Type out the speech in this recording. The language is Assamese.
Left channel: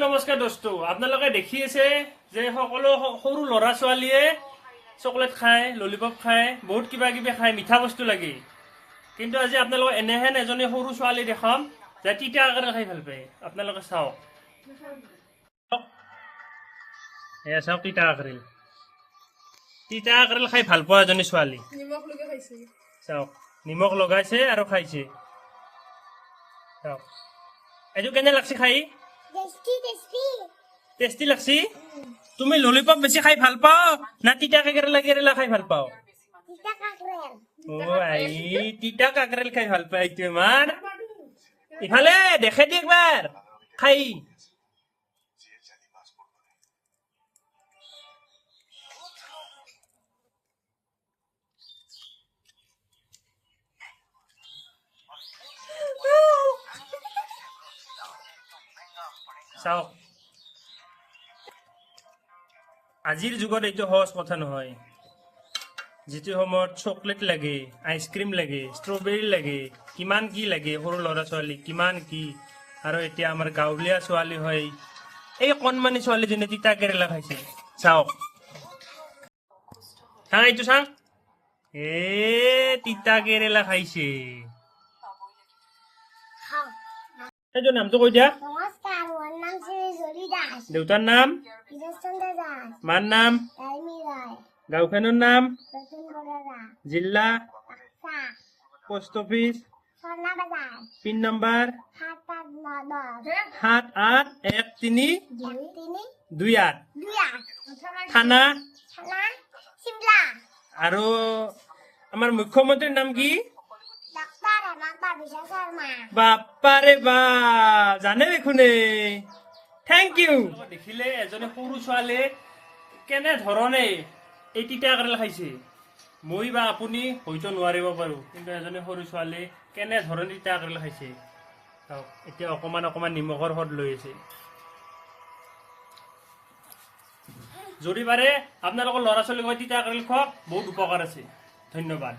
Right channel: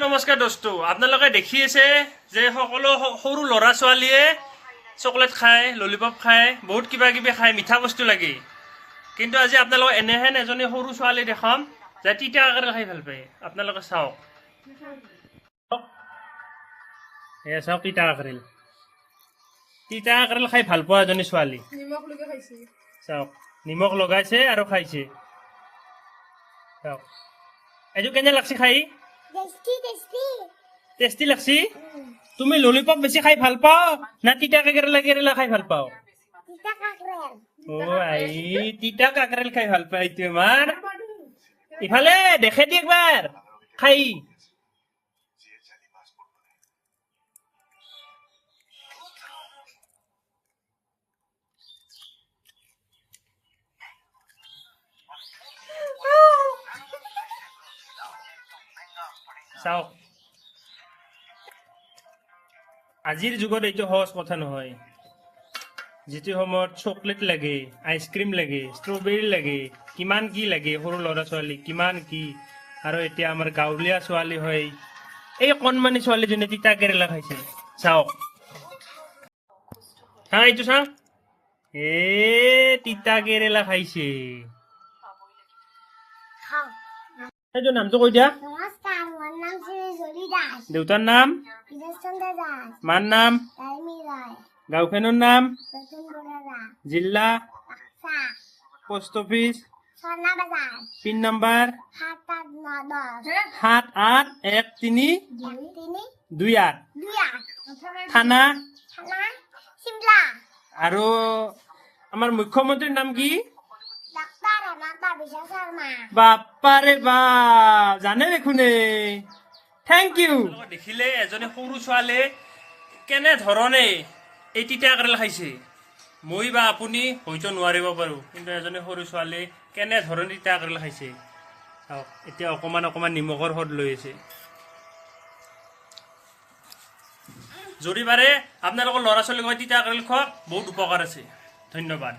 নমস্কাৰ দোস্ত আপোনালোকে দেখি আছে যে সকলো সৰু ল'ৰা ছোৱালীয়ে চকলেট খায় ললিপপ খায় বহুত কিবা কিবি খায় মিঠা বস্তু লাগে কিন্তু আজি আপোনালোকে এনেহেন এজনী সৰু ছোৱালী দেখাম যে তিতা কাকেৰেল খাই ভাল পায় আপোনালোকে চাওক এয়া চাওক তিতা কাকেৰেল খাই ভাল পোৱা এজনী ছোৱালী চাওক নিমখ লগাইছে আৰু খাইছে চাওক এইটো কেনে লাগছে খাই টেষ্টি লাগছি তুমি ললিপপ বেছি খাই ভাল পাও না তিতা কাকেৰেলা খাই ভাল পাও ও আই তিতা কাকেৰেল খাই ভাল পাই তোমাৰ ইফালে দেখে দি একবাৰ খাই চাওক আজিৰ যুগত এইটো সহজ কথা নহয় যিটো সময়ত চকলেট লাগে আইচক্ৰীম লাগে ষ্ট্ৰবেৰী লাগে কিমান কি লাগে সৰু ল'ৰা ছোৱালী কিমান কি আৰু এতিয়া আমাৰ গাঁৱলীয়া ছোৱালী হয় এই কণমানি ছোৱালীজনী তিতা কেৰেলা খাইছে চাওক হা এইটো চাওক এ তিতা কেৰেলা খাইছে এইটো নামটো কৈ দিয়া নমস্কাৰ মোৰ নাম শ্ৰী জলি দাস দেউতাৰ নাম বিজয়চন্দ্ৰ দাস মাৰ নাম তাইমি ৰায় গাঁওখনৰ নাম ৰতন বৰা জিলা বাক্সা পোষ্ট অফিচ স্বৰ্ণা বাজাৰ পিন নম্বৰ 78913232 781328 থানা থানা চিমলা আৰু আমাৰ মুখ্যমন্ত্ৰীৰ নাম কি ডাক্তৰ হেমন্ত বিশ্ব শৰ্মা বাপাৰে বা জানে দেখোনে থেংক ইউ দেখিলে এজনী সৰু ছোৱালীয়ে কেনে ধৰণে এই তিতা কেৰেলা খাইছে মই বা আপুনি হয়তো নোৱাৰিব পাৰোঁ কিন্তু এজনী সৰু ছোৱালীয়ে কেনে ধৰণে তিতা কেৰেলা খাইছে চাওক এতিয়া অকণমান অকণমান নিমখৰ সোৱাদ লৈ আছে যদি পাৰে আপোনালোকৰ ল'ৰা ছোৱালীক তিতা কেৰেলা খোৱাওক বহুত উপকাৰ আছে ধন্যবাদ